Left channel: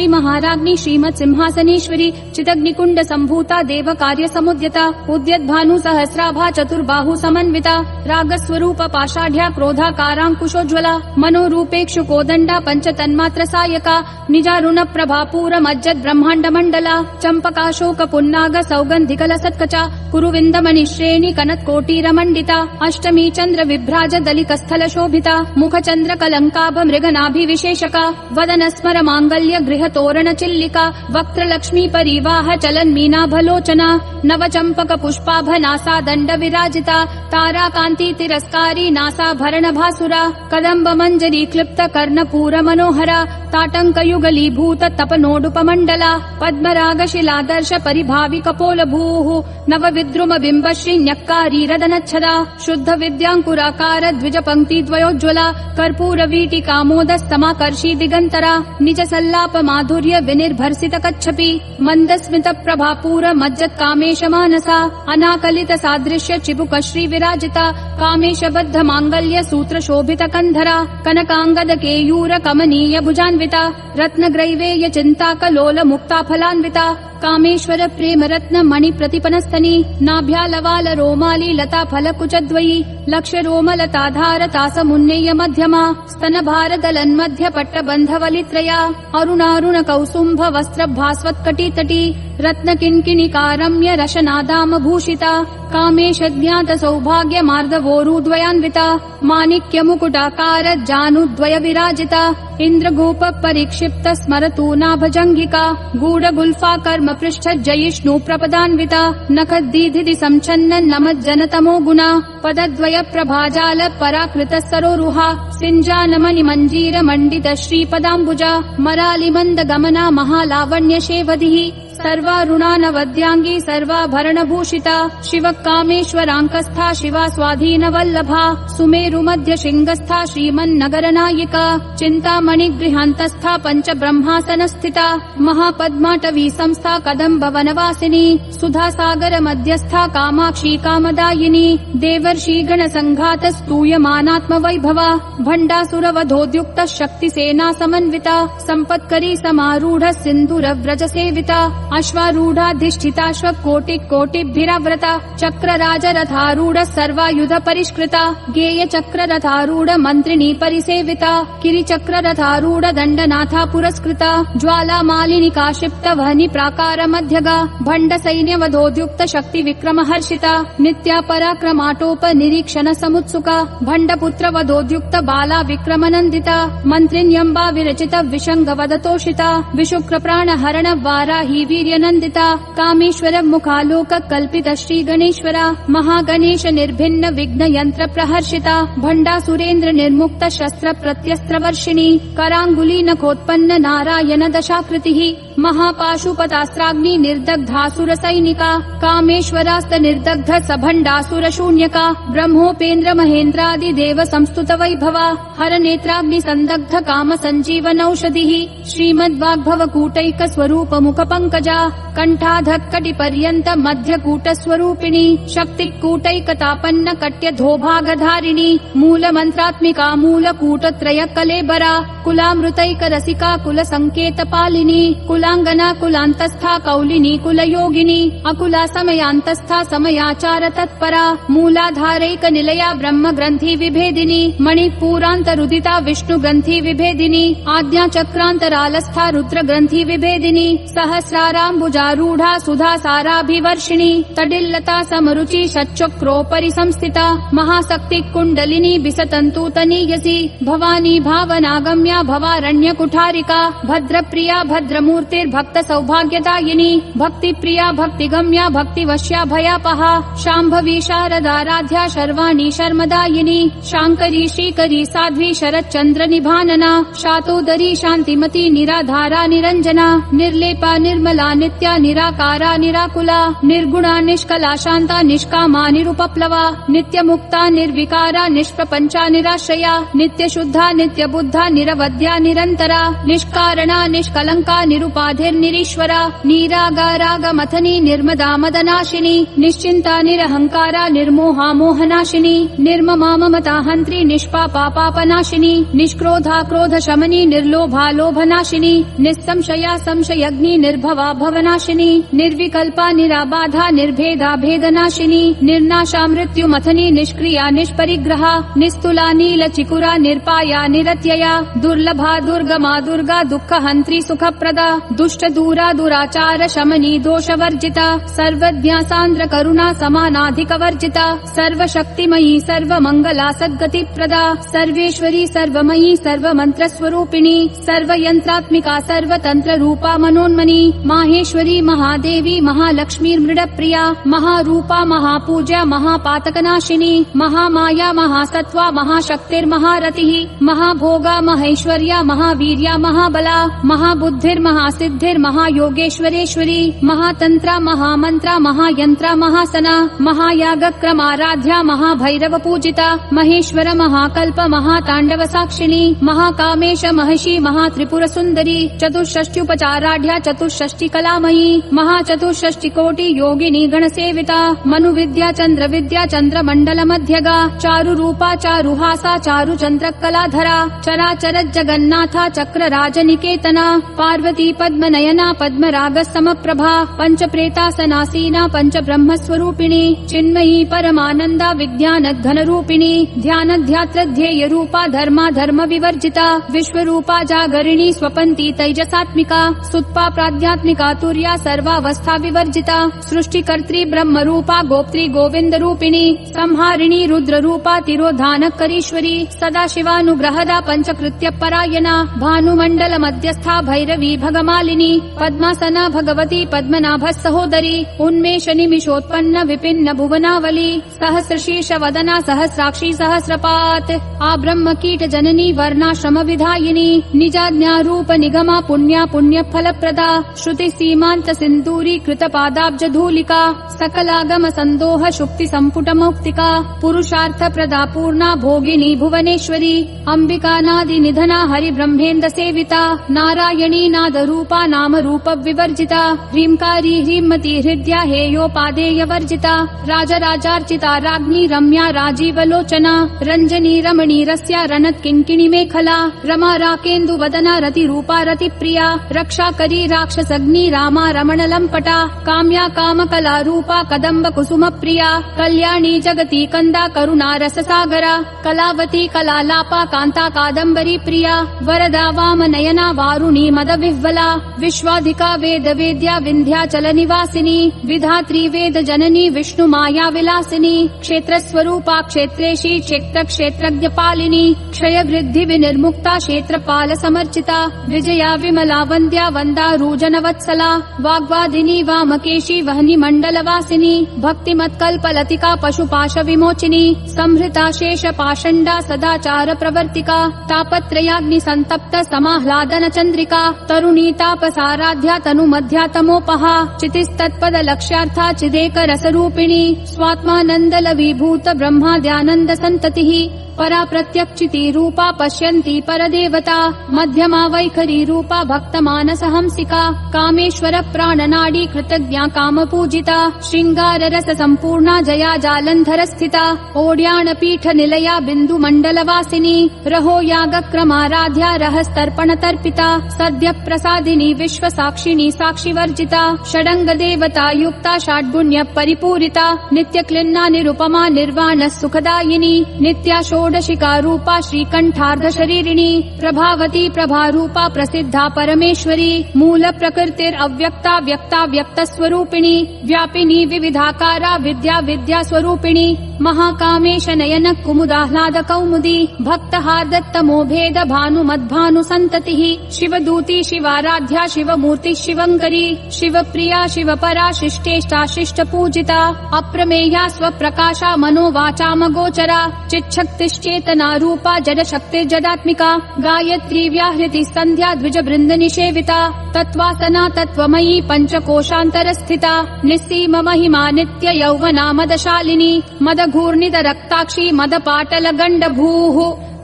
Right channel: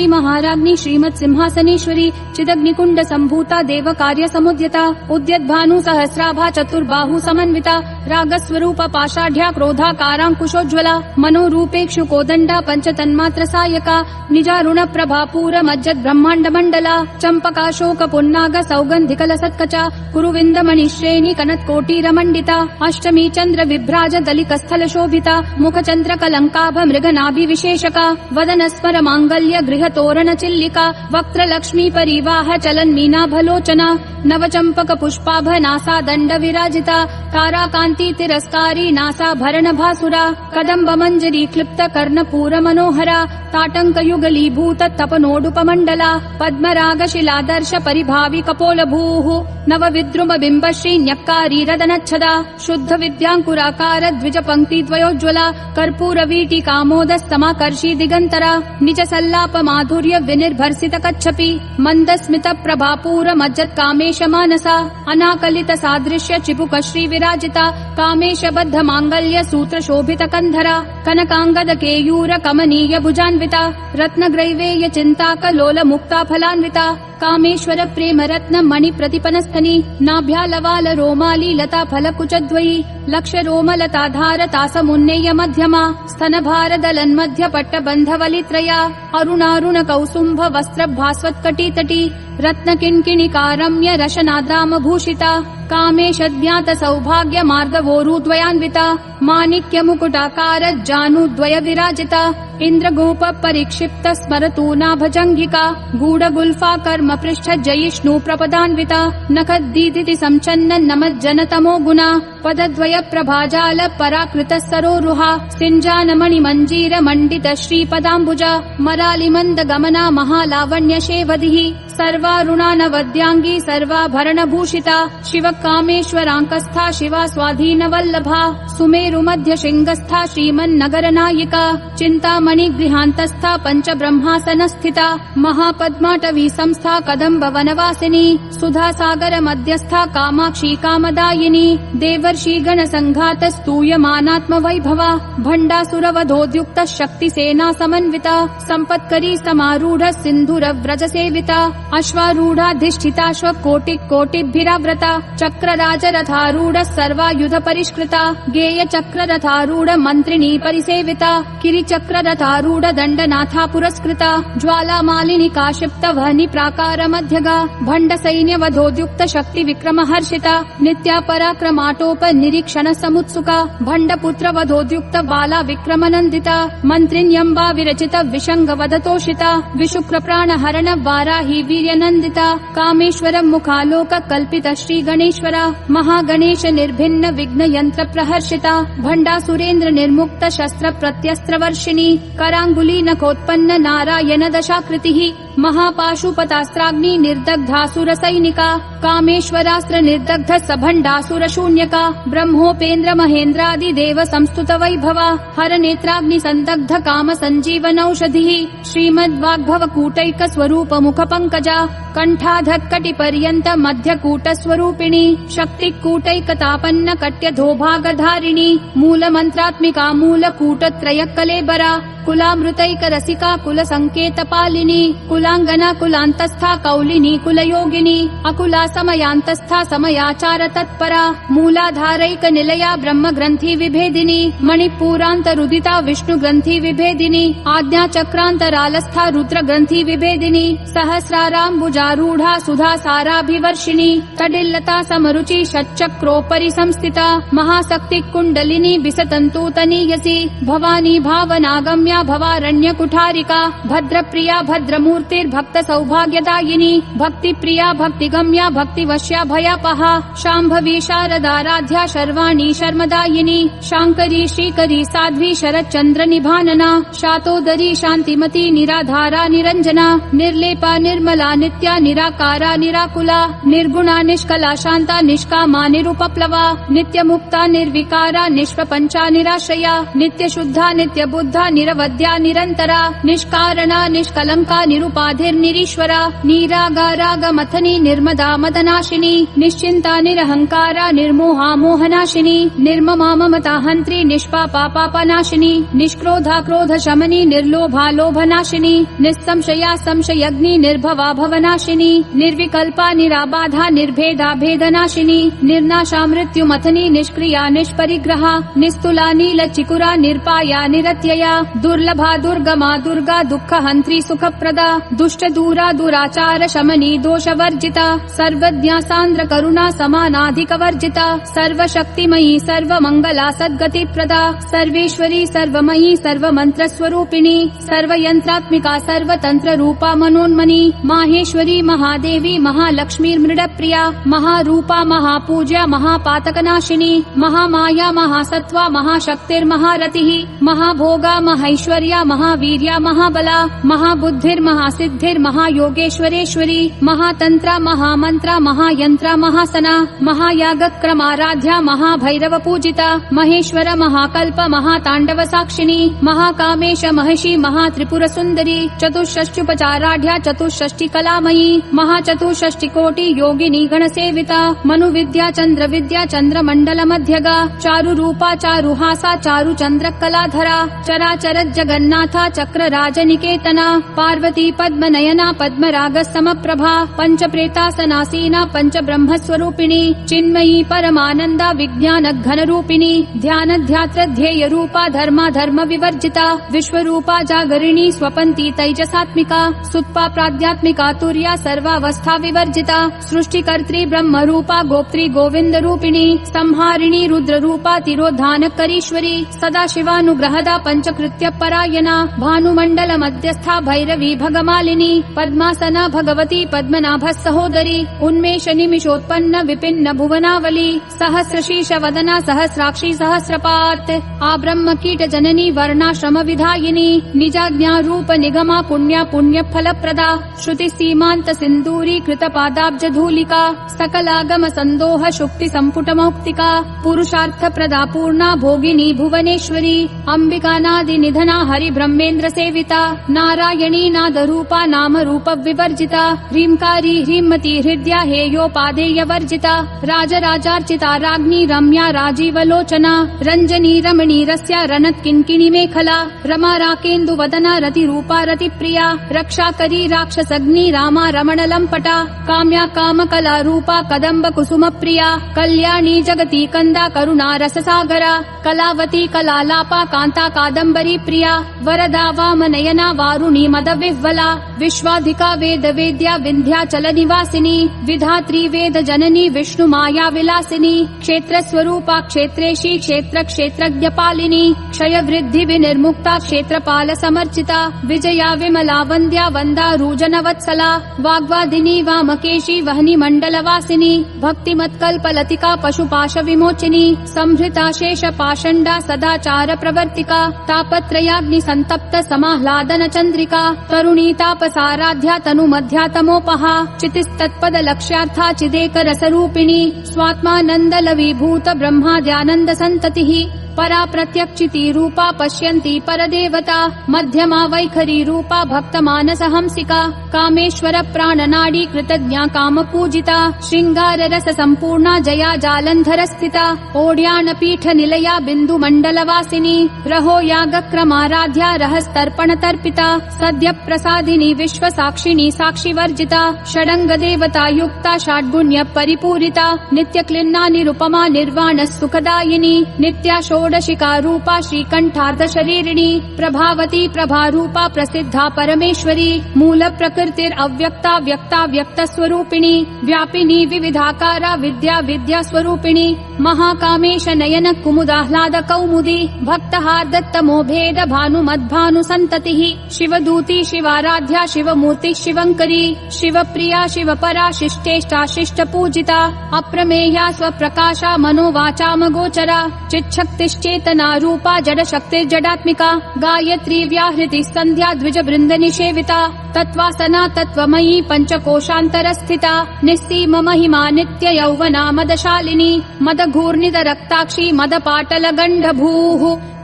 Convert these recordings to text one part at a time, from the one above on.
श्री महाराज्ञी श्रीमत् सिंहासनेश्वरी चिदग्निकुंड संभूता देव कार्य समुद्यता उद्यद्भानु सहस्राभा चतुर्बाहु समन्विता रागस्वरूप पाषाढ्या क्रोधाकारांकुशोज्ज्वला मनोरूपेक्षु कोदंडा पंचतन्मात्र सायका निजारुण प्रभापूर मज्जद ब्रह्मांड मंडला चंपकाशोक पुन्नाग सौगंधिकल सत्कचा कुरुविंदमणि श्रेणी कनत्कोटीर मंडिता अष्टमी चंद्र विभ्राज दलिकस्थल शोभिता मुख चंद्र कलंकाभ मृगनाभि विशेषका वदन स्मर मांगल्य गृह तोरण चिल्लिका वक्त्र लक्ष्मी परिवाह चलन मीनाभलोचना नव चंपक पुष्पाभ नासा दंड विराजिता तारा कांति तिरस्कारी नासा भरण भासुरा कदम्ब मंजरी क्लिप्त कर्णपूर मनोहरा ताटंक युगलीभूत तपनोडुपमंडला पद्मराग शिलादर्श परिभावि कपोल भूः नव विद्रुम बिंब श्री न्यक्कारी रदनच्छदा शुद्ध विद्यांकुराकार द्विज पंक्ति द्वयोज्ज्वला कर्पूर वीटी कामोदस्तमाकर्षी दिगंतरा निज सल्लाप माधुर्य विनिर्भर्सित कच्छपि मंद स्मित प्रभापूर मज्जत कामेश मानसा अनाकलित सादृश्य चिपुक श्री विराजिता कामेश बद्ध मांगल्य सूत्र शोभित कंधरा कनकांगद केयूर कमनीय भुजान्विता रत्न ग्रैवेय चिंता कलोल मुक्ता फलान्विता कामेश्वर प्रेम रत्न मणि प्रतिपनस्तनी नाभ्यालवाल रोमाली लता फल कुचद्वयी लक्ष रोमलताधार तासमुन्नेय मध्यमा स्तन भार दलन मध्य पट्ट बंधवलित्रया अरुणारुण कौसुंभ वस्त्र भास्वत्कटी तटी रत्न किंकिणिकारम्य रशनादाम भूषिता कामेशद्याद सौभाग्य मार्दवोरुद्वयान्विता माणिक्य मुकुटाकार जानुद्वय विराजिता इंद्रगोप परिक्षिप्त स्मरतूनाभजंगिका गूढ़ गुल्फा कर्म पृष्ठ जयिष्णु प्रपदान्विता नखद्दीधिति संचन्न नमज्जन तमो गुणा पदद्वय प्रभाजाल पराकृत सरोरुहा सिंजानमणि मंजीर मंडित श्रीपदाम्बुजा मरालि मंद गमना महालावण्य शेवधिः सर्वारुणानवद्यांगी सर्वाभरण भूषिता शिव कामेश्वरांकस्था शिवा स्वाधीन वल्लभा सुमेरु मध्य शृंगस्था श्रीमन्नगर नायिका चिंतामणि गृहांतस्था पंच ब्रह्मासन स्थिता महापद्माटवी संस्था कदम्ब वनवासिनी सुधा सागर मध्यस्था कामाक्षी कामदायिनी देवर्षि गण संघात स्तूयमानात्म वैभवा भंडासुर वधोद्युक्त शक्ति सेना समन्विता संपत्करी समारूढ़ सिंधुर व्रज सेविता अश्वारूढ़ाधिष्ठिताश्व कोटि कोटिभिराव्रता चक्र राज रथारूढ़ सर्वायुध परिष्कृता गेय चक्र रथारूढ़ मंत्रिणी परिसेविता किरि चक्र रथारूढ़ दंडनाथा पुरस्कृता ज्वाला मालिनी काशिप्त वहनी प्राकार मध्यगा भंड सैन्य वधोद्युक्त शक्ति विक्रम हर्षिता नित्या पराक्रमाटोप निरीक्षण समुत्सुका भंड पुत्र वधोद्युक्त बाला विक्रम नंदिता मंत्रिण्यंबा विरचित विशंग वदतोषिता विशुक्र प्राण हरण वाराही वीर्यनंदिता कामेश्वर मुखालोक कल्पित श्री गणेश्वरा महागणेश निर्भिन्न विघ्न यंत्र प्रहर्षिता भंडा सुरेंद्र निर्मुक्त शस्त्र प्रत्यस्त्र वर्षिणी करांगुली नखोत्पन्न नारायण दशाकृतिः महापाशुपतास्त्राग्नि निर्दग्धासुर सैनिका कामेश्वरास्त्र निर्दग्ध सभंडासुर शून्यका ब्रह्मोपेन्द्र महेन्द्रादि देव संस्तुत वैभवा हर नेत्राग्नि संदग्ध काम संजीवन औषधिः श्रीमद्वाग्भव कूटैक स्वरूप मुख पंकजा कंठाधक्कटि पर्यंत मध्य कूट स्वरूपिणी शक्ति कूटैकतापन्न कट्य धोभागधारिणी मूल मंत्रात्मिका मूल कूट त्रय कलेबरा कुलामृतैक रसिका कुल संकेत पालिनी कुलांगना कुलांतस्था कौलिनी कुल योगिनी अकुला समयांतस्था समयाचार तत्परा मूलाधारैक निलया ब्रह्म ग्रंथि विभेदिनी मणिपूरांत रुदिता विष्णु ग्रंथि विभेदिनी आज्ञा चक्रांतरालस्था रुद्र ग्रंथि विभेदिनी सहस्राराम्बुजारूढ़ा सुधा साराभिवर्षिणी तडिल्लता समरुचि षट्चक्रोपरि संस्थिता महाशक्ति कुंडलिनी बिसतंतूतनीयसी भवानी भावनागम्या भवारण्य कुठारिका भद्र प्रिया भद्रमूर्तिर्भक्त सौभाग्यदायिनी भक्ति प्रिया भक्तिगम्या भक्तिवश्या भयापहा शाम्भवी शारदाराध्या शर्वाणी शर्मदायिनी शांकरी श्रीकरी साध्वी शरच्चंद्र निभानना शातोदरी शांतिमती निराधारा निरंजना निर्लेपा निर्मला निर्गुणा नित्या निराकारा निराकुला निर्गुणा निष्कला शांता निष्कामा निरुपप्लवा नित्यमुक्ता निर्विकारा निष्प्रपंचा निराश्रया नित्यशुद्धा नित्यबुद्धा निरवध्या निरंतरा निष्कारणा निष्कलंका निरुपाधिर्निरीश्वरा निरागारागमथनी निर्मदा मदनाशिनी निश्चिंता निरहंकारा निर्मोहा मोहनाशिनी निर्ममा ममता हंत्री निष्पापा पापनाशिनी निष्क्रोधा क्रोध शमनी निर्लोभा लोभनाशिनी निस्संशया संशयग्नि निर्भवा भवनाशिनी निर्विकल्पा निराबाधा निर्भेदा भेदनाशिनी निर्नाशा मृत्युमथनी निष्क्रिया निष्परिग्रहा निस्तुला नील चिकुरा निर्पाया निरत्यया दुर्लभा दुर्गमा दुर्गा दुःख हंत्री सुखप्रदा दुष्ट दूरा दुराचार शमनी दोषवर्जिता सर्वज्ञा सान्द्र करुणा समानाधिक वर्जिता सर्वशक्तिमयी सर्वमंगला सद्गतिप्रदा सर्वेश्वरी सर्वमयी सर्वमंत्र स्वरूपिणी सर्वयंत्रात्मिका सर्वतंत्र रूपा मनोन्मनी माहेश्वरी महादेवी महालक्ष्मी मृडप्रिया महारूपा महापूज्या महापातकनाशिनी महामाया महासत्वा महाशक्तिर्महारतिः महाभोगा महैश्वर्या महावीर्या महाबला महाबुद्धिर्महासिद्धिर् महायोगेश्वरेश्वरी महातंत्रा महामंत्रा महायंत्रा महासना महायागक्रमाराध्या महाभैरव पूजिता महेश्वर महाकल्प महातांडव साक्षिणी महाकामेश महर्षि महात्रिपुर सुंदरी चतुष्षष्ट्युपचाराढ्या चतुष्षष्टि कलामयी महाचतुष्षष्टि कोटि योगिनी गणसेविता मनुविद्या चंद्र विद्या चंद्रमंडल मध्यगा चारु रूपा चारुहासा चारु चंद्र कलाधरा चराचर जगन्नाथा चक्र राजनिकेतना पार्वती पद्मनयना पद्मराग समप्रभा पंच प्रेतासनासीना पंच ब्रह्म स्वरूपिणी चिन्मयी परमानंदा विज्ञान घन रूपिणी ध्यान ध्यात्र ध्येय रूपा धर्मा धर्म विवर्जिता विश्वरूपा जागरिणी स्वपंती तैजसात्मिका सुत्पा प्राध्यात्मिका तुर्या सर्वावस्था विवर्जिता सृष्टिकर्त्री ब्रह्म रूपा गोप्त्री गोविंद रूपिणी संहारिणी रुद्र रूपा तिरोधान करीश्वरी सदा शिवानुग्रहदा पंचकृत्य परायणा भानुमंडल मध्यस्था भैरवी भगमालिनी पद्मासना भगवती पद्मनाभ सहोदरी उन्मेष निमिषोत्पन्न विपिन्न भुवनावली सहस्रशीर्ष वदना सहस्राक्षी सहस्रपात आ ब्रह्म कीट जननी वर्णाश्रम विधायिनी निजाज्ञा रूप निगमा पुण्या पुण्य फल प्रदा श्रुति सीमांत सिंदूरी कृत पादाब्ज धूलिका सकलागम संदोह शुक्ति संपुट मौक्तिका पुरुषार्थ प्रदा पूर्णा भोगिनी भुवनेश्वरी अंबिका नादि निधना हरि ब्रह्मेन्द्र सेविता नारायणी नाद रूपा नाम रूप विवर्जिता ह्रींकारी ह्रीमती हृदया हेयोपादेय वर्जिता राजराजार्चिता राज्ञी रम्या राजीवलोचना रंजनी रमणी रस्या रनत किंकिणी मेखला रमा राकेन्दु वदना रति रूपा रति प्रिया रक्षा करी राक्षसग्नि रामा रमण लंपटा काम्या काम कला रूपा कदम्ब कुसुम प्रिया कल्याणी जगती कंदा करुणा रस सागरा कलावती कलालापा कांता कादम्बरी प्रिया वरदा वाम नयना वारुणी मद विह्वला विश्वाधिका वेद वेद्या विंध्याचल निवासिनी विधात्री वेद जननी विष्णु माया विलासिनी क्षेत्र स्वरूपा क्षेत्रेशी क्षेत्र क्षेत्रज्ञ पालिनी क्षय वृद्धि विनिर्मुक्ता क्षेत्रपाल समर्चिता विजया विमला वंद्या वंदा रूजन वत्सला वाग्वादिनी वामकेशी वहनी मंडल वासिनी भक्तिमत्कल्प लतिका पशुपाश विमोचिनी संभृता शेष पाषंडा सदाचार प्रवर्तिका तापत्रयाग्नि संतप्त समाह्लादन चंद्रिका तरुणी तापसाराध्या तनु मध्यातमोपहा चितिस्तत्पद लक्ष्यार्था चिदेक रस रूपिणी स्वात्मानंद लवीभूत ब्रह्माद्यानंद संततिः परा प्रत्यक्षिति रूपा पश्यन्ति परदेवता मध्यमा वैखरी रूपा भक्त मानस हंसिका कामेश्वर प्राणनाडी कृतज्ञा काम पूजिता श्रृंगार रस संपूर्णा जया जालंधर स्थिता ओड्यान पीठ निलया बिंदु मंडल वासिनी रहो याग क्रमाराध्या रहस्तर्पण तर्पिता सद्य प्रसादिनी विश्व साक्षिणी साक्षी वर्जिता षडंग देवता युक्ता षड्गुण्य परिपूरिता नित्य क्लिन्ना निरुपमा निर्वाण सुखदायिनी नित्या षोडशिका रूपा श्रीकंठार्ध शरीरिणी प्रभावती प्रभा रूपा प्रसिद्धा परमेश्वरी मूल प्रकृतिर अव्यक्ता व्यक्ता व्यक्त स्वरूपिणी व्यापिनी विविधाकारा विद्या विद्या स्वरूपिणी महाकामेश नयन कुमुदाह्लाद कौमुदी भक्तहार्दत्तमो भेद भानुमद्भानु सन्ततिः शिवदूती शिवाराध्या शिवमूर्ति शिवङ्करी शिवप्रिया शिवपरा शिष्टेष्टा शिष्टपूजिता अप्रमेया स्वप्रकाशा मनोवाचामगोचरा चिच्छक्तिश्चेतना रूपा जडशक्तिर्जडात्मिका गायत्री व्याहृति सन्ध्या द्विजवृन्द निषेविता तत्त्वासना तत्त्वमयी पञ्चकोशान्तरस्थिता निस्सीम महिमा नित्य यौवना मदशालिनी मदघूर्णित रक्ताक्षी मदपाटल गण्डभूः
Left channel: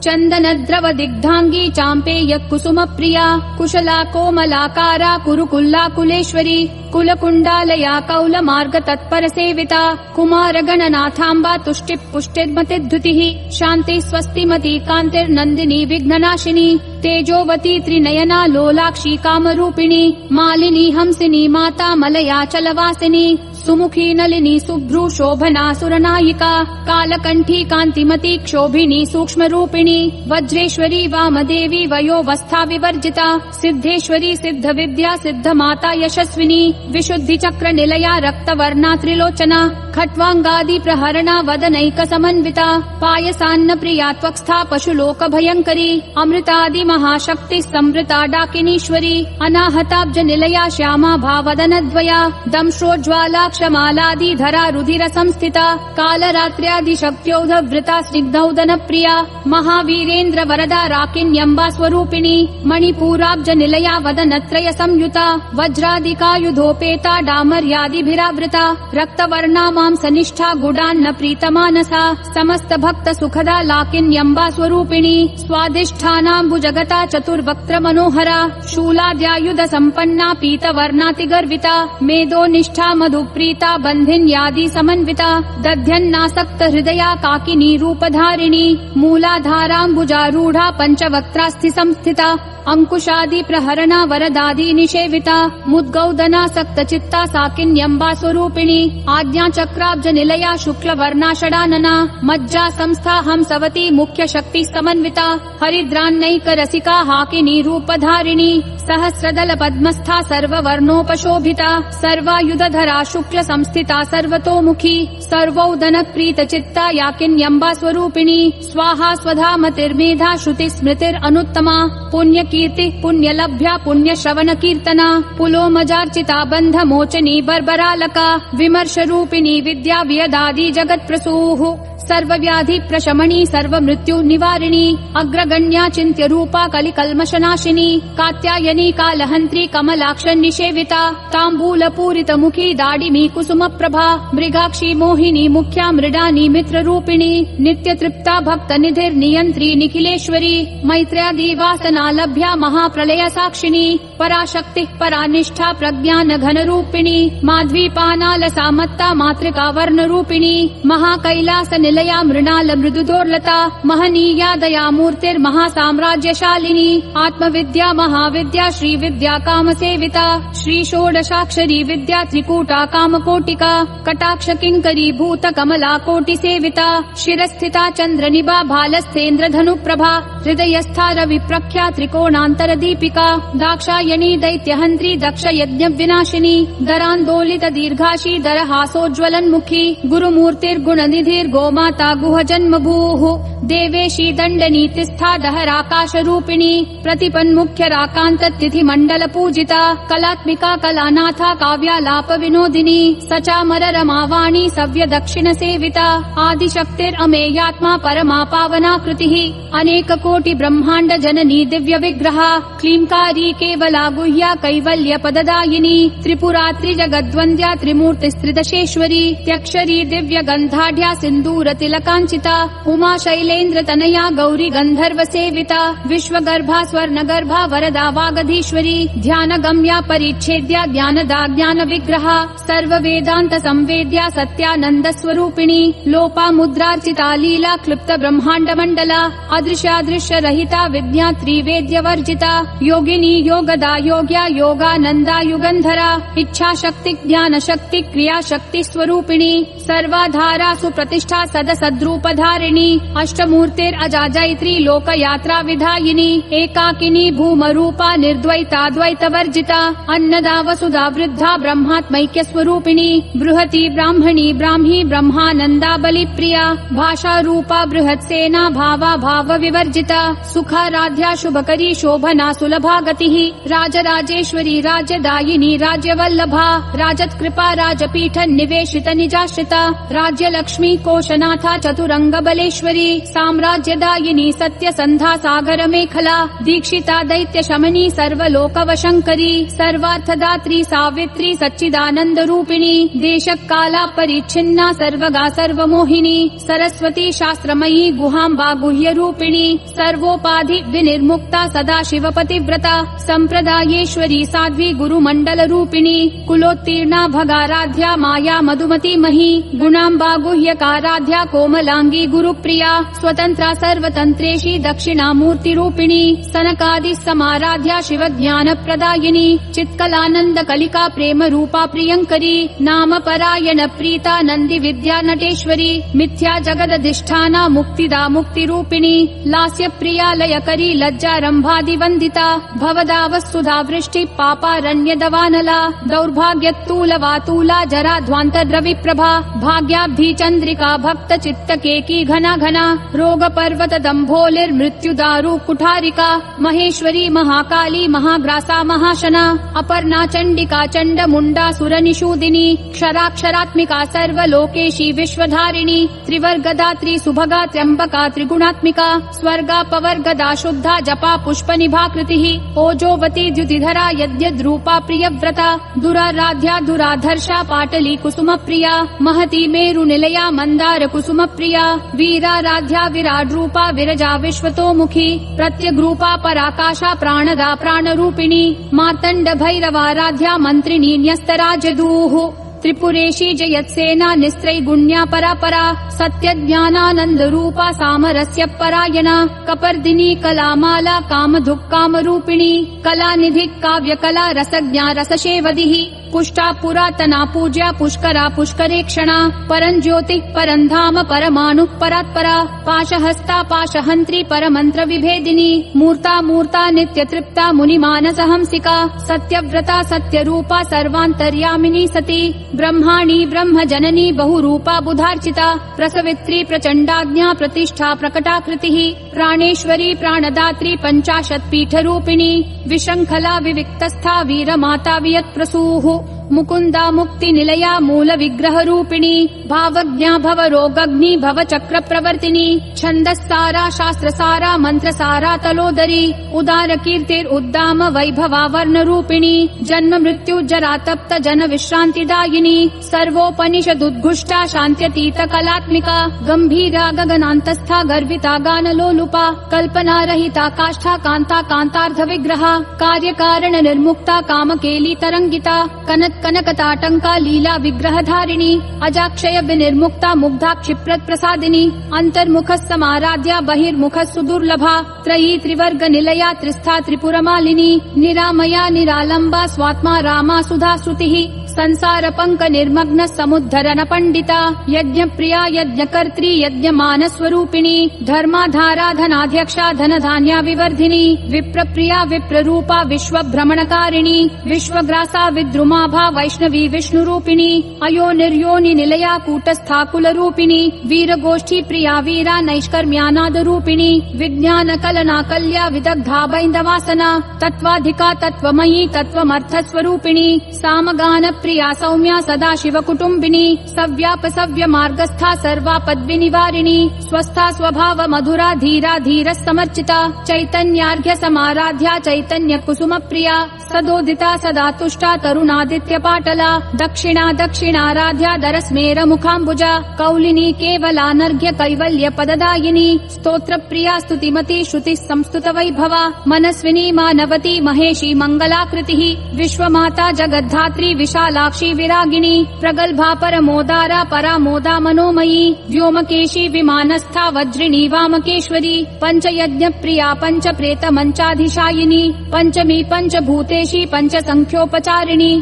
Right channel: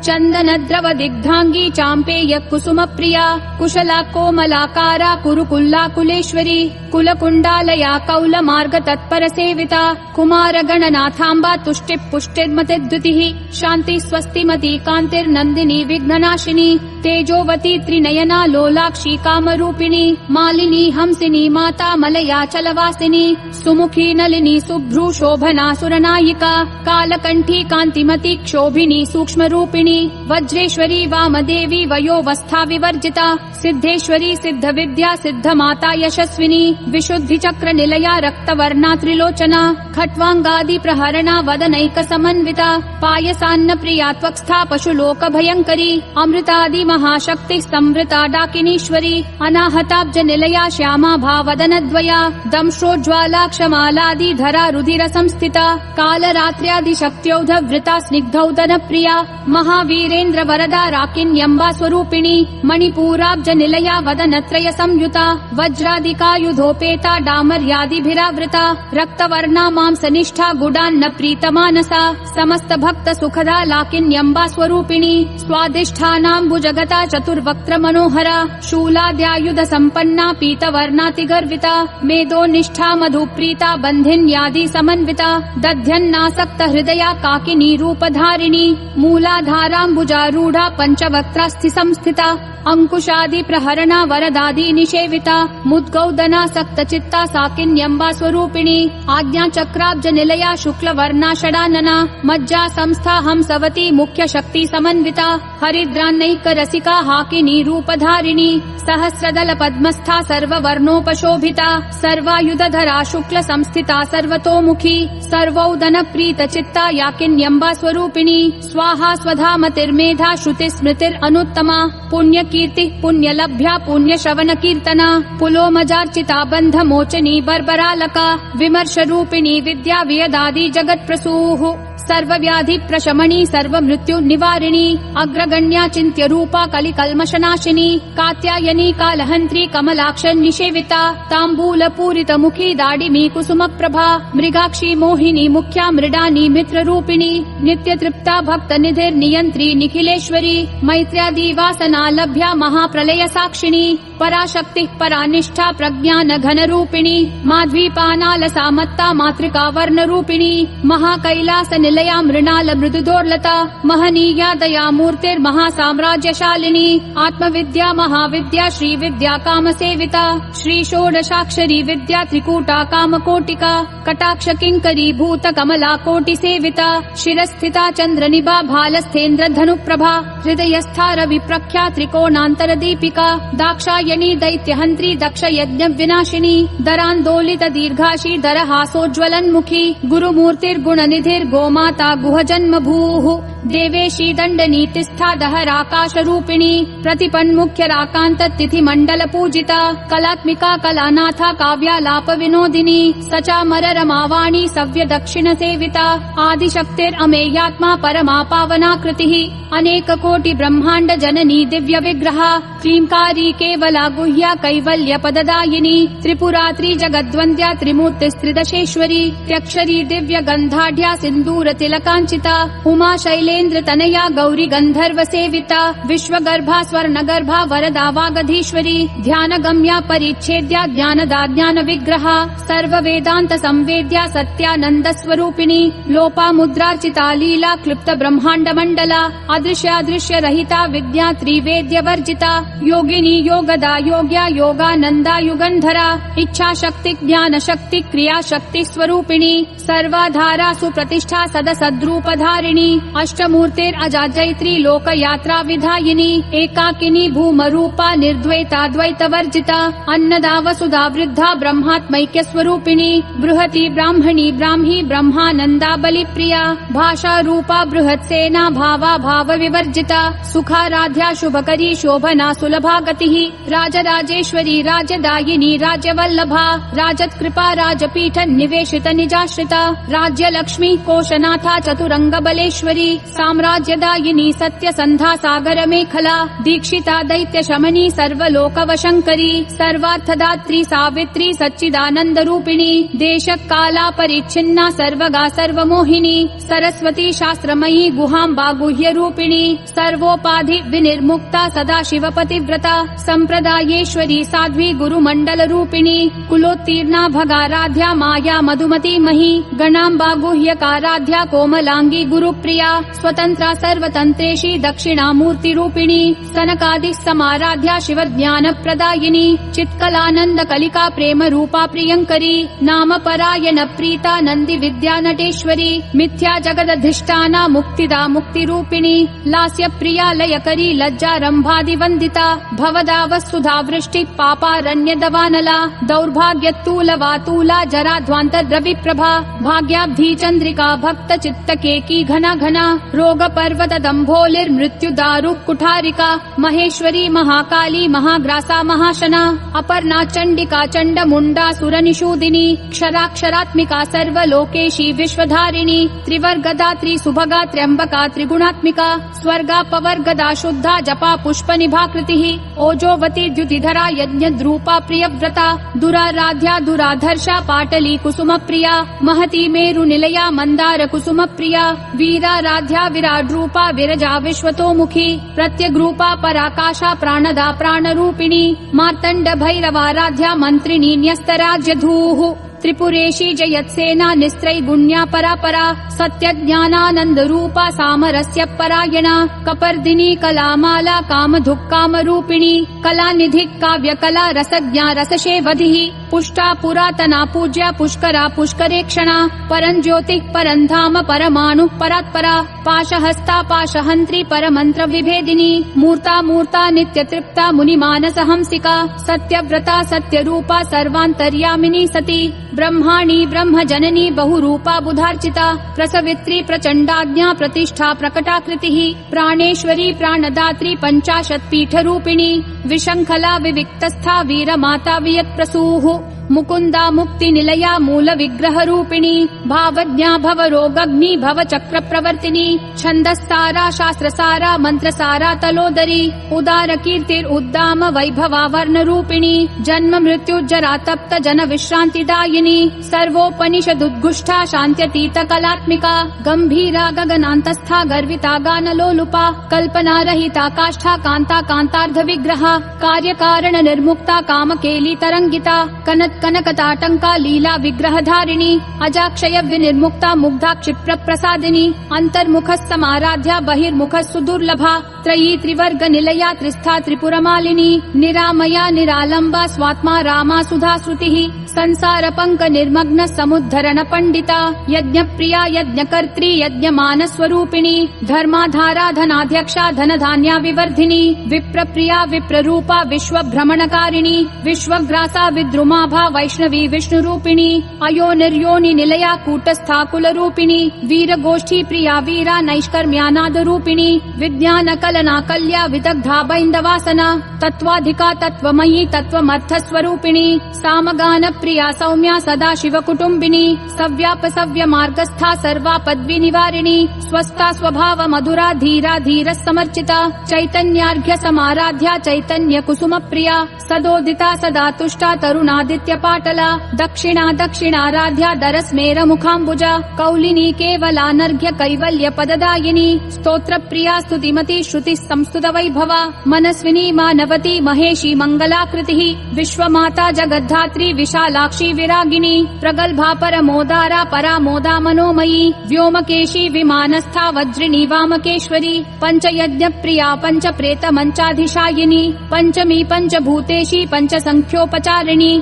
चन्दनद्रव दिग्धाङ्गी चाम्पेय कुसुम प्रिया कुशला कोमलाकारा कुरुकुल्ला कुलेश्वरी कुलकुण्डालया कौलमार्ग तत्पर सेविता कुमार गणनाथाम्बा तुष्टि पुष्टिर्मतिद्युतिः शान्ति स्वस्तिमती कान्तिर्नन्दिनी विघ्ननाशिनी तेजोवती त्रिनयना लोलाक्षी कामरूपिणी मालिनी हंसिनी माता मलया चलवासिनी सुमुखी नलिनी सुभ्रू शोभना सुरनायिका कालकण्ठी कान्तिमती क्षोभिनी सूक्ष्मरूपिणी वज्रेश्वरी वामदेवी वयोवस्था विवर्जिता सिद्धेश्वरी सिद्ध विद्या सिद्ध माता यशस्विनी विशुद्धि चक्र निलया रक्तवर्णा त्रिलोचना खट्वांगादि प्रहरणा वदनैक समन्विता पायसान्न प्रिया त्वक्स्था पशुलोक भयंकरी अमृतादि महाशक्ति संवृता डाकिनीश्वरी अनाहताब्ज निलया श्यामा भावदनद्वया दंश्रोज्ज्वाला क्षमालादि धरा रुधिर संस्थिता कालरात्र्यादि शक्त्योधवृता स्निग्धौदन प्रिया महावीरेन्द्र वरदा राकिन्यम्बा स्वरूपिणी मणिपूराब्ज निलया वदनत्रय संयुता वज्रादिकायुधोपेता डामर्यादिभिरावृता रक्तवर्णा मांसनिष्ठा गुडान्न प्रीतमानसा समस्त भक्त सुखदा लाकिन्यम्बा स्वरूपिणी स्वादिष्ठानाम्बुजगता चतुर्वक्त्र मनोहरा शूलाद्यायुध संपन्ना पीतवर्णातिगर्विता मेदोनिष्ठा मधुप्रीता बन्धिन्यादि समन्विता दध्यन्नासक्त हृदया काकिनी रूपधारिणी मूलाधाराम्बुजारूढा पञ्चवक्त्रास्थि संस्थिता अंकुशादि प्रहरणा वरदादि निषेविता मुद्गौदनासक्त चित्ता साकिन्यम्बा स्वरूपिणी आज्ञा चक्राब्ज निलया शुक्ल वर्णा षडानना मज्जा संस्था हंसवती मुख्य शक्ति समन्विता हरिद्रान्नैक रसिका हाकिनी रूपधारिणी सहस्रदल पद्मस्था सर्ववर्णोपशोभिता सर्वायुधधरा शुक्ल संस्थिता सर्वतोमुखी सर्वौदन प्रीत चित्ता याकिन्यम्बा स्वरूपिणी स्वाहा स्वधा मतिर्मेधा श्रुति स्मृतिरनुत्तमा पुण्य कीर्ति पुण्य लभ्या पुण्य श्रवण कीर्तना पुलोमजार्चिता बंध मोचनी बर्बरालका विमर्श रूपिणी विद्या वियदादि जगत प्रसूः सर्वव्याधि प्रशमनी सर्व मृत्यु निवारिणी अग्रगण्या चिन्त्य रूपा कलिकल्मषनाशिनी कात्यायनी कालहन्त्री कमलाक्ष निषेविता ताम्बूल पूरित मुखी दाडिमी कुसुम प्रभा मृगाक्षी मोहिनी मुख्या मृडानी मित्र रूपिणी नित्य तृप्ता भक्त निधिर्नियन्त्री निखिलेश्वरी मैत्र्यादि वासना लभ्या महाप्रलय साक्षिणी पराशक्ति परानिष्ठा प्रज्ञान घन रूपिणी माध्वीपानाल सामत्ता मातृका वर्ण रूपिणी महाकैलास निलया मृणाल मृदुदोर्लता महनीया दया मूर्तिर्महासाम्राज्यशालिनी आत्मविद्या महाविद्या श्री विद्या काम सेविता श्री षोडशाक्षरी विद्या त्रिकूटा कामकोटिका कटाक्ष किंकरी भूत कमला कोटि सेविता शिरस्थिता चंद्रनिभा भालस्थेन्द्र धनुप्रभा हृदयस्था रवि प्रख्या त्रिकोणांतर दीपिका दाक्षायणी दैत्यहन्त्री दक्ष यज्ञ विनाशिनी दरान्दोलित दीर्घाशी दरहासोज्ज्वलन्मुखी गुरुमूर्तिर्गुण निधिर्गोमाता गुह जन्म भूः देवेशी दण्डनीतिस्था दहराकाश रूपिणी प्रतिपन्मुख्य राकान्त तिथि मंडल पूजिता कलात्मिका कलानाथा काव्यालाप विनोदिनी सचामर रमावाणी सव्य दक्षिण सेविता आदिशक्तिरमेयात्मा परमा पावनाकृतिः अनेक कोटि ब्रह्मांड जननी दिव्य विग्रहा क्लींकारी केवला गुह्या कैवल्य पददायिनी त्रिपुरा त्रिजगद्वन्द्या त्रिमूर्तिस्त्रिदशेश्वरी त्यक्षरी दिव्य गन्धाढ्या सिन्दूर तिलकाञ्चिता उमा शैलेन्द्र तनया गौरी गन्धर्व सेविता विश्वगर्भा स्वर्णगर्भा वरदा वागधीश्वरी ध्यान गम्या परिच्छेद्या ज्ञानदा ज्ञान विग्रहा सर्व वेदांत संवेद्या सत्यानंद स्वरूपिणी लोपा मुद्रार्चिता लीला क्लुप्त ब्रह्मांड मंडला अदृश्यादृश्य रहिता विद्या त्रिवेद्य वर्जिता योगिनी योगदा योग्या योगानंदा युगंधरा इच्छा शक्ति ज्ञान शक्ति क्रिया शक्ति स्वरूपिणी सर्वाधारा सुप्रतिष्ठा सदसद्रूपधारिणी अष्टमूर्तिरजा जैत्री लोकयात्रा विधायिनी एकाकिनी भूमरूपा निर्द्वैताद्वैतवर्जिता अन्नदा वसुधा वृद्धा ब्रह्मात्मैक्य स्वरूपिणी बृहती ब्राह्मणी ब्राह्मी ब्रह्मानंदा बलिप्रिया भाषा रूपा बृहत्सेना भावा भाव विवर्जिता सुखाराध्या शुभकरी शोभना सुलभा गतिः राजराजेश्वरी राज्यदायिनी राज्यवल्लभा राजत्कृपा राजपीठ निवेशित निजाश्रिता राज्यलक्ष्मी कोशनाथा चतुरंग बलेश्वरी साम्राज्यदायिनी सत्यसन्धा सागर मेखला दीक्षिता दैत्य शमनी सर्वलोकवशंकरी सर्वार्थदात्री सावित्री सच्चिदानंद रूपिणी देशकाला परिच्छिन्ना सर्वगा सर्वमोहिनी सरस्वती शास्त्रमयी गुहाम्बा गुह्य रूपिणी सर्वोपाधि विनिर्मुक्ता सदा शिवपतिव्रता संप्रदायेश्वरी साध्वी गुरुमंडल रूपिणी कुलोत्तीर्णा भगाराध्या माया मधुमती मही गणाम्बा गुह्यकाराध्या कोमलांगी गुरुप्रिया स्वतंत्रा सर्वतंत्रेशी दक्षिणामूर्ति रूपिणी सनकादि समाराध्या शिव ज्ञान प्रदायिनी चित्कलानंद कलिका प्रेम रूपा प्रियंकरी नाम परायण प्रीता नंदी विद्या नटेश्वरी मिथ्या जगदधिष्ठाना मुक्तिदा मुक्ति रूपिणी लास्य प्रिया लयकरी लज्जारंभादि वंदिता भवदा वस्तुधा वृष्टि पापारण्य दवानला दौर्भाग्यतूल वातूला जरा ध्वांत द्रवि प्रभा भाग्याब्धि चंद्रिका भक्त चित्त केकी घना घना रोग पर्वत दंभोलिर्मृत्यु दारु कुठारिका महेश्वरी महाकाली महाग्रासा महाशना अपर्णा चंडिका चंड मुंडा सुर निषूदिनी क्षराक्षरात्मिका सर्वलोकेशी विश्वधारिणी त्रिवर्गदा त्रिसुभगा त्र्यंबका त्रिगुणात्मिका स्वर्गा पवर्गदा शुद्धा जपा पुष्प निभाकृतिः ओजोवती द्युतिधरा यज्ञद्रूपा प्रियव्रता दुराराध्या दुराधर्षा पाटली कुसुम प्रिया महती मेरु निलया मंदार कुसुम प्रिया वीराराध्या विराट रूपा विरजा विश्वतोमुखी प्रत्यग्रूपा पराकाशा प्राणदा प्राण रूपिणी मार्तंड भैरवाराध्या मंत्रिणी न्यस्तराज्यधूः त्रिपुरेशी जयत्सेना निस्त्रैगुण्या परापरा सत्य ज्ञानानंद रूपा सामरस्य परायणा कपर्दिनी कलामाला काम धुक् काम रूपिणी कलानिधि काव्य कला रसज्ञा रसशेवधिः पुष्टा पुरातना पूज्या पुष्करा पुष्करेक्षणा परं ज्योतिः परं धाम परमाणु परात्परा पाशहस्ता पाशहन्त्री परमंत्र विभेदिनी मूर्ता मूर्ता नित्य तृप्ता मुनिमानस हंसिका सत्यव्रता सत्यरूपा सर्वान्तर्यामिनी सती ब्रह्माणी ब्रह्म जननी बहुरूपा बुधार्चिता प्रसवित्री प्रचंडाज्ञा प्रतिष्ठा प्रकटाकृतिः प्राणेश्वरी प्राणदात्री पंचाशत् पीठ रूपिणी विशंखला विविक्तस्था वीरमाता वियत्प्रसूः मुकुंदा मुक्ति निलया मूल विग्रह रूपिणी भावज्ञा भव रोगग्नि भव चक्र प्रवर्तिनी छंदस्सारा शास्त्रसारा मंत्रसारा तलोदरी उदार कीर्तिर उद्दाम वैभवा वर्ण रूपिणी जन्म मृत्यु जरा तप्त जन विश्रांतिदायिनी सर्वोपनिषद उद्घुष्टा शांत्यतीत कलात्मिका गंभीरा गगनांतस्था गर्विता गान लोलुपा कल्पना रहिता काष्ठा कांता कांतार्ध विग्रहा कार्य कारण निर्मुक्ता काम केली तरंगिता कनत कनकताटंका लीला विग्रह धारिणी अजाक्षय विनिर्मुक्ता मुग्धा क्षिप्रत प्रसादिनी अंतर्मुख समाराध्या बहिर्मुख सुदुर्लभा त्रयी त्रिवर्ग निलया त्रिस्था त्रिपुरमालिनी निरामया निरालंबा स्वात्मा रामा सुधा श्रुतिः संसार पंक निर्मग्न समुद्धरण पंडिता यज्ञ प्रिया यज्ञ कर्त्री यज्ञ मान स्वरूपिणी धर्माधारा धनाध्यक्षा धन धान्या विवर्धिनी विप्र प्रिया विप्र रूपा विश्व भ्रमणकारिणी विश्वग्रासा विद्रुमाभा वैष्णवी विष्णु रूपिणी अयो निर्योनि निलया कूटस्था कुल रूपिणी वीर गोष्ठी प्रिया वीरा नैष्कर्म्यानाद रूपिणी विज्ञान कलना कल्या विदग्धा वैन्दवासना तत्वाधिका तत्वमयी तत्वमर्थ स्वरूपिणी सामगान प्रिया सौम्या सदा शिव कुटुम्बिनी सव्याप सव्य मार्गस्था सर्वापद विनिवारिणी स्वस्था स्वभाव मधुरा धीरा धीर समर्चिता चैतन्यार्घ्य समाराध्या चैतन्य कुसुम प्रिया सदोदिता सदा तुष्टा तरुणादित्य पाटला दक्षिणा दक्षिणाराध्या दरस्मेर मुखाम्बुजा कौलिनी केवलानर्घ्य कैवल्य पददायिनी स्तोत्र प्रिया स्तुतिमती श्रुति संस्तुत वैभवा मनस्विनी मानवती महेशी मंगलाकृतिः विश्वमाता जगद्धात्री विशालाक्षी विरागिनी प्रगल्भा परमोदारा परामोदा मनोमयी व्योमकेशी विमानस्था वज्रिणी वामकेश्वरी पंचयज्ञ प्रिया पंच प्रेत मंचाधिशायिनी पंचमी पंचभूतेशी पंच संख्योपचारिणी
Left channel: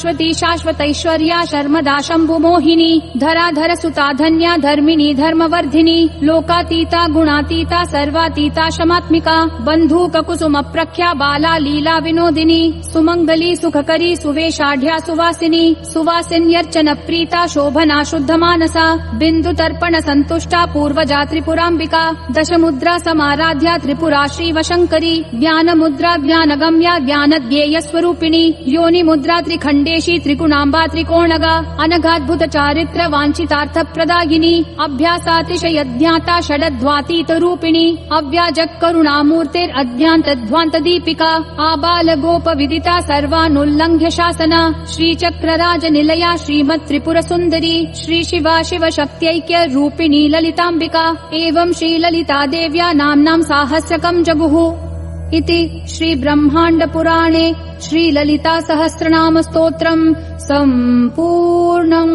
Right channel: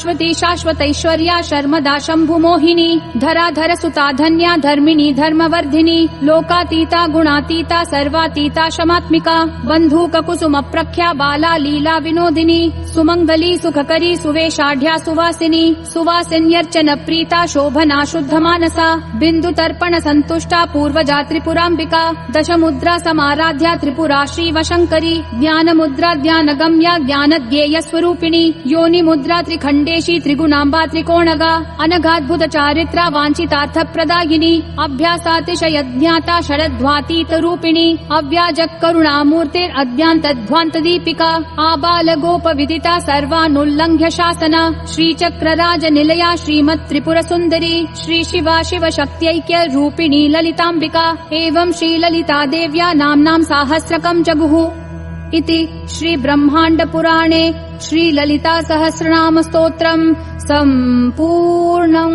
शाश्वती शाश्वतैश्वर्या शर्मदा शम्भुमोहिनी धराधर सुता धन्या धर्मिणी धर्मवर्धिनी लोकातीता गुणातीता सर्वातीता शमात्मिका बन्धूक कुसुम प्रख्या बाला लीला विनोदिनी सुमंगली सुखकरी सुवेशाढ्या सुवासिनी सुवासिन्यर्चन प्रीता शोभना शुद्ध मानसा बिंदु तर्पण संतुष्टा पूर्वजा त्रिपुराम्बिका दशमुद्रा समाराध्या त्रिपुरा श्रीव शंकरी ज्ञान मुद्रा ज्ञान गम्या ज्ञान ध्येय स्वरूपिणी योनि मुद्रा त्रिखंडेशी त्रिगुणाम्बा त्रिकोणगा अनघाद्भुत चारित्र वांछितार्थ प्रदायिनी अभ्यासातिशय ज्ञाता षडध्वातीत रूपिणी अव्याजक करुणामूर्तेर अज्ञात ध्वांत दीपिका आबाल गोप विदिता सर्वानुल्लंघ्य शासना श्रीचक्रराज निलया श्रीमत् त्रिपुर सुंदरी श्री शिवा शिव शक्त्यैक्य रूपिणी ललिताम्बिका एवं श्री ललिता देव्या नाम्नां साहस्रकं जगुः इति श्री ब्रह्मांड पुराणे श्री ललिता सहस्रनाम स्तोत्रम् सम्पूर्णम्।